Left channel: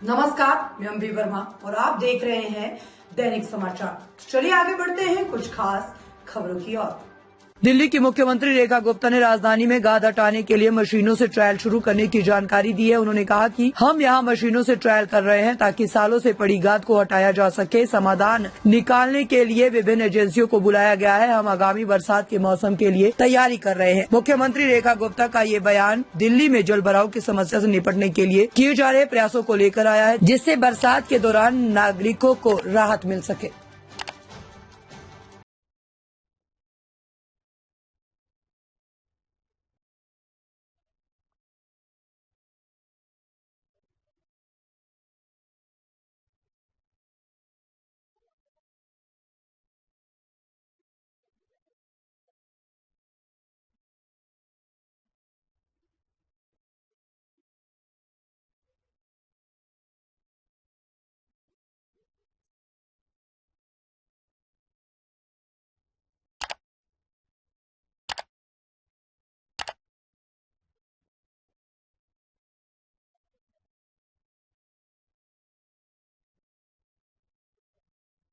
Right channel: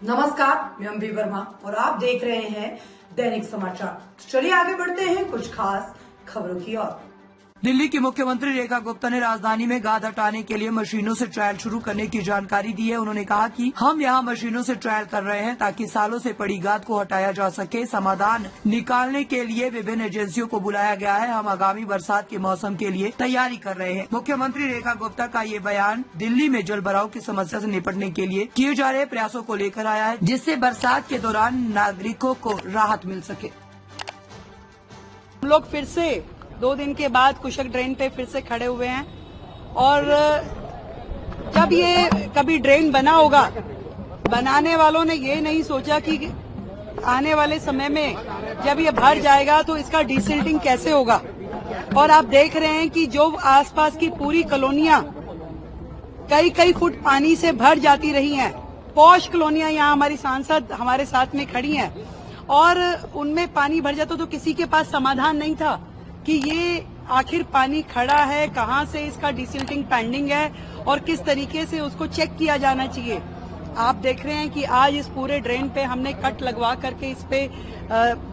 नमस्कार, मैं अम्बी वर्मा और आप देख रहे हैं दैनिक समाचार। चलिए आगे बढ़ते हैं कुछ खास खबरों की ओर। दिल्ली की मुख्यमंत्री रेखा गुप्ता ने राजधानी में गाद हटाने के लिए मशीनों से ट्रायल शुरू करने की जानकारी दी है। उन्होंने कहा कि हम यहां मशीनों से ट्रायल कर रहे हैं ताकि सालों से पड़ी गाद को हटाया जा सके। समाधान निकालने के लिए विभिन्न एजेंसियों को बुलाया गया है। हम आगामी बरसात के मौसम के लिए तैयारी कर रहे हैं। मुख्यमंत्री रेखा गुप्ता का ये बयान दिल्ली में जल भराव की समस्या से निपटने के लिए किए जा रहे प्रयासों को लेकर आया है, जिससे बरसात के दौरान नागरिकों को राहत मिल सके। हम लोग फिर से 2 दिन के बाद कुशक ड्रेन पे फिर से खड़े हुए हैं और जब ये कभी ड्रेन बना होगा, बनाने वालों ने ये नहीं सोचा कि आने वाले समय में जब ये भर जाएगा तो इसका डिसिल्टिंग कैसे होगा। और आप देख रहे हैं कि जो आसपास की पूरी कॉलोनियां कई फुट पानी से भर जाती रही हैं। पॉश कॉलोनियां यहाँ हमारी सांसद हमारे साथ में खड़ी हैं और उनमें पानी भर जाता तो किसी के पास समाधान नहीं था कि ये आखिर पानी खड़ा है, कहां से इसका डिसिल्टिंग पेंडिंग है और किस तरीके से उसको चेक किया जाना चाहिए। आप देख रहे हैं कि आज इस पूरे ड्रेन पे हमने कट लगवा करके इस पे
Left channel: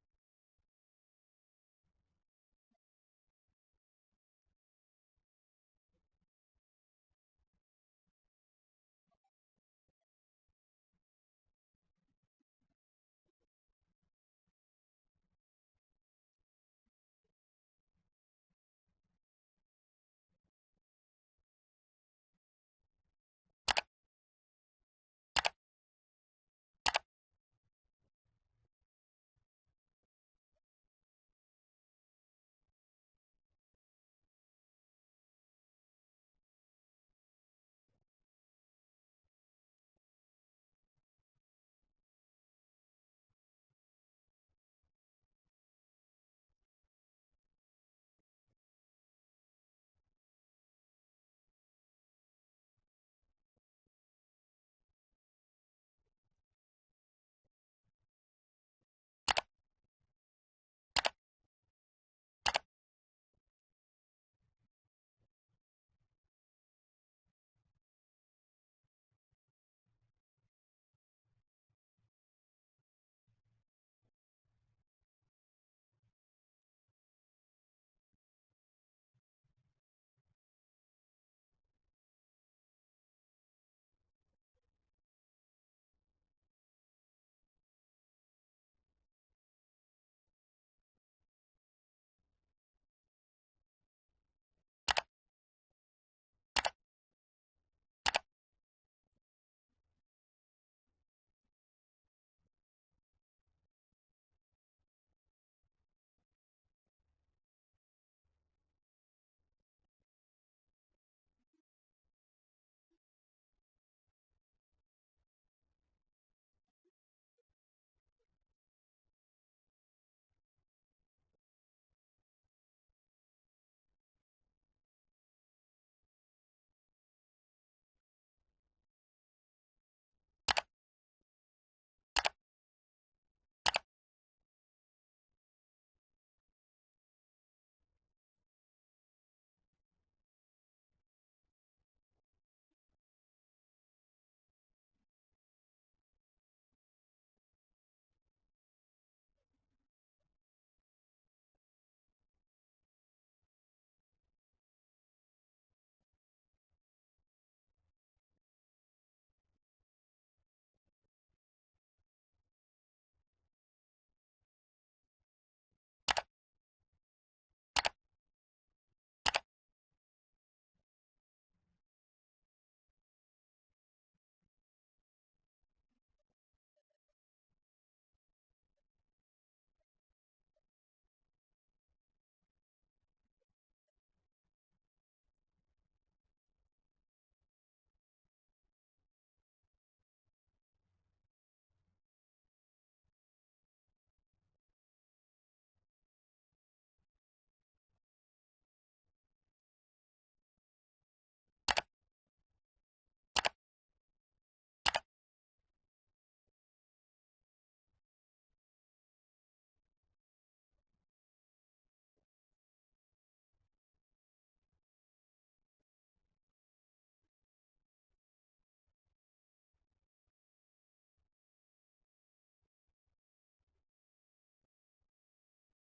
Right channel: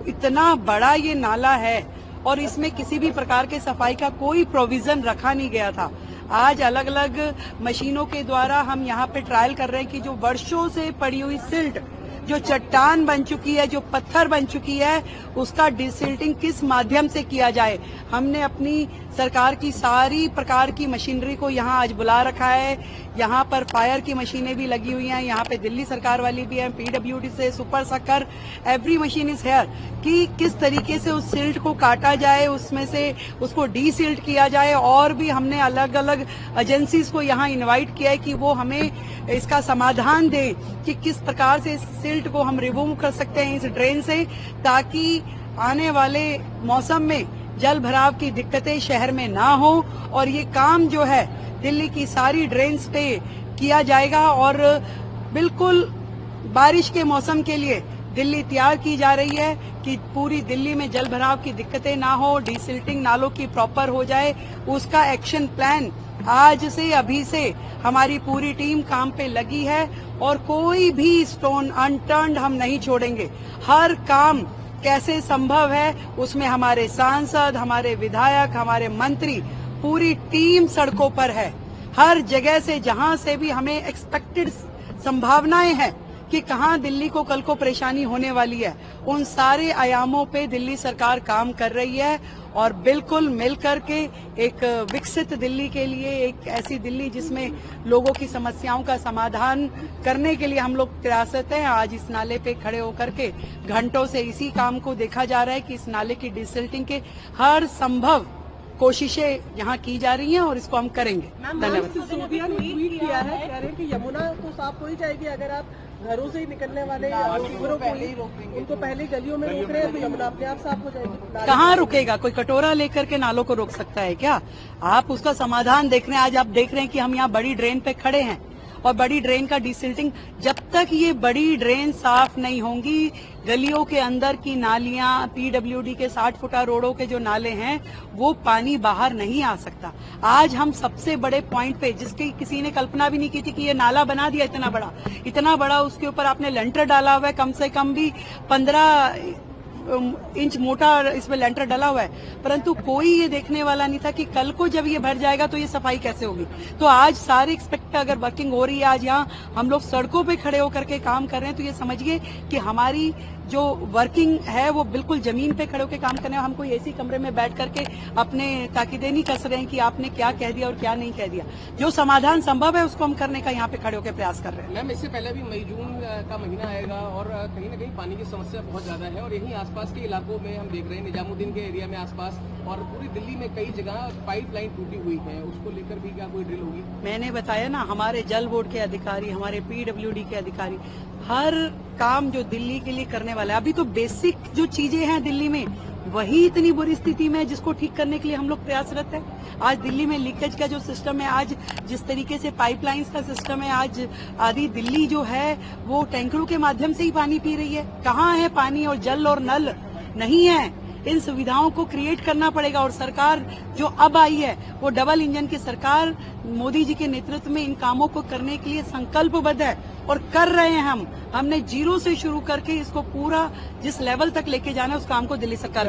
इतना बड़ा ये नाला है और इसमें किसी भी प्रकार के सफाई का कोई प्रोविजन रखा नहीं गया था। आज अलग अलग मशीनों के द्वारा हम यहाँ पे ट्रायल कर रहे हैं कि जो वर्षों से पड़ी हुई सिल्ट, जो चट्टान बन चुकी है, जो पत्थर बन चुकी है, उसका डिसिल्टिंग किस माध्यम से किया जाए। हमने अपनी सरकार की सारी प्रकार की मशीनरी को यहाँ आज बुला रखा है। यहाँ पर फायर की मशीनें भी लगी हुई हैं, यहाँ पे दिल्ली सरकार वाली भी है, पीडब्ल्यूडी से super sucker, every machine is here कि किस तरीके से उस सिल्ट को काटा जाए, उसमें से उसको डीसिल्ट किया जाए। और भी हमने अलग अलग एजेंसीज को यहाँ इन्वाइट किया है कि वो हमें इसका समाधान दें कि किस प्रकार से इस सिल्ट को हम रिमूव कर सकते हैं इस ड्रेन से, ताकि आने वाले मौसम में जल भराव की दिक्कतें शहर में ना हो। और ये काम जो है दिल्ली की सारी ड्रेन्स पे किया जाएगा और बिल्कुल बारिश के मौसम के लिए दिल्ली तैयार की जा रही है कि पूरी दिल्ली में जल भराव की दिक्कतें ना हो, डिसिल्टिंग नालों की प्रॉपर हो जाए। उसका एक्शन प्लान आज से अभी से हमारी पूरी टीम काम पे लगी है और कोई भी स्टोन अनटर्न्ड हम नहीं छोड़ेंगे। हर काम कैसे संभव है उसमें हमारे सांसद, हमारे विधायक, हमारे मंत्री, पूरी टीम सड़कों पर है। हर जगह से जहां से भी हमें एक्सपेक्टेड संभावनाएं हैं कि कहां दिल्ली को कल को परेशानी होने वाली है, उन सारे आयामों पे दिल्ली सरकार काम कर रही है और बिल्कुल मिलकर के एक विकसित दिल्ली के लिए, एक ऐसी दिल्ली जिसमें लोगों की समस्याओं का समाधान करने के लिए हम लोग प्रयासरत हैं। आज इस नाले पे खड़े होकर के घंटों से इसी काम को देखा जा रहा है कि इस नाले की डिसिल्टिंग के हर संभव कोशिशें यहाँ की जा रही हैं और इसको हम करेंगे। धन्यवाद। सिसोदिया ने ट्वीट किया है, कह रहे हैं कि यमुना तो साफ हो ही जाएगी अगर आप घरों से ही निकलने वाले शिविरों को उनको पहले गलियों में रोक रहे हैं तो यमुना अपने आप साफ हो जाएगी। कहाँ रुकेगा? कोई कटोरा लेकर के नालों को रोक सकता है क्या? आप उसका समाधान देख रहे हैं। आज आप देख रहे हैं कि हम यहाँ बड़ी ड्रेन पे खड़े हैं और बड़ी ड्रेन का डिसिल्टिंग, जब तक ये बड़ी ड्रेन साफ नहीं होंगी, गलियों के अंदर की नालियां, पीडब्ल्यूडी के 60 फुटा रोडों के जो नाले हैं, वो पानी बाहर नहीं आ सकता। आज हम सबसे बड़े पॉइंट पे, जिसकी किसी ने कल्पना भी नहीं की थी कि ये नाला बना दिया इतना बड़ा, उसके ऊपर आपने लेंटर डाला हुआ है, कम से कम भी 15 इंच मोटा इसमें लेंटर डला हुआ है, परंतु कोई ये देखने वाला नहीं था कि कल को जब ये भर जाएगा तो ये सफाई कैसे होगी। तो आज सारी एक्सपेक्ट अगर वर्किंग हो रही है, आज यहाँ हम लोग सड़कों पे खड़े होकर के काम कर रहे हैं, तो ये समझिए कि हमारी जो वर्किंग है वो बिल्कुल जमीन पे खड़े होकर काम करने। हम कोई ऐसी कमरे में बैठ करके अपने ताकीदें नहीं कस रहे हैं कि आपने क्या कह दिया और क्या नहीं कह दिया। जो समाधान संभव है उसको हम करने का यहाँ पे खड़े होकर प्रयास कर रहे हैं। मैम, इससे पहले भी मई जून का महीना आएगा और कहीं ना कहीं पानी की समस्या बहुत ज्यादा है और यहीं आसपास के इलाकों में हम देख रहे हैं, निजामुद्दीन के एरिया में आसपास और पूरी दिल्ली में कई जगह पाइपलाइन टूटी हुई है, उसको लेकर भी क्या कोई ड्रिल होगी? मैंने बताया ना, हमारे जल बोर्ड के अधिकारी, हमारे पीडब्ल्यूडी के अधिकारी हर काम जो दिल्ली के लिए करने वाला है। अभी तो बेसिक जो चीजें हैं दिल्ली में वही इतनी बुरी स्थिति में है जिसको ठीक करने के लिए हम लोग प्रयासरत हैं। आज दिल्ली में लीकेज का जो सिस्टम है, आज जिस तरीके से पाइपलाइंस का सिस्टम है, आज आधी दिल्ली जो है वो टैंकरों के माध्यम से ही पानी पी रही है। कहाँ है पानी और जल और नल? नहीं है। इन सुविधाओं को क्रिएट करना पड़ेगा। और सरकार जो अब आई है वो डबल इंजन की सरकार मोदी जी के नेतृत्व में इन कामों को करने के लिए संकल्पबद्ध है और कर रहे हैं। हमने जीरो से शुरू करके इसको पूरा जिस लेवल तक लेके जाना है उस काम को दिल्ली सरकार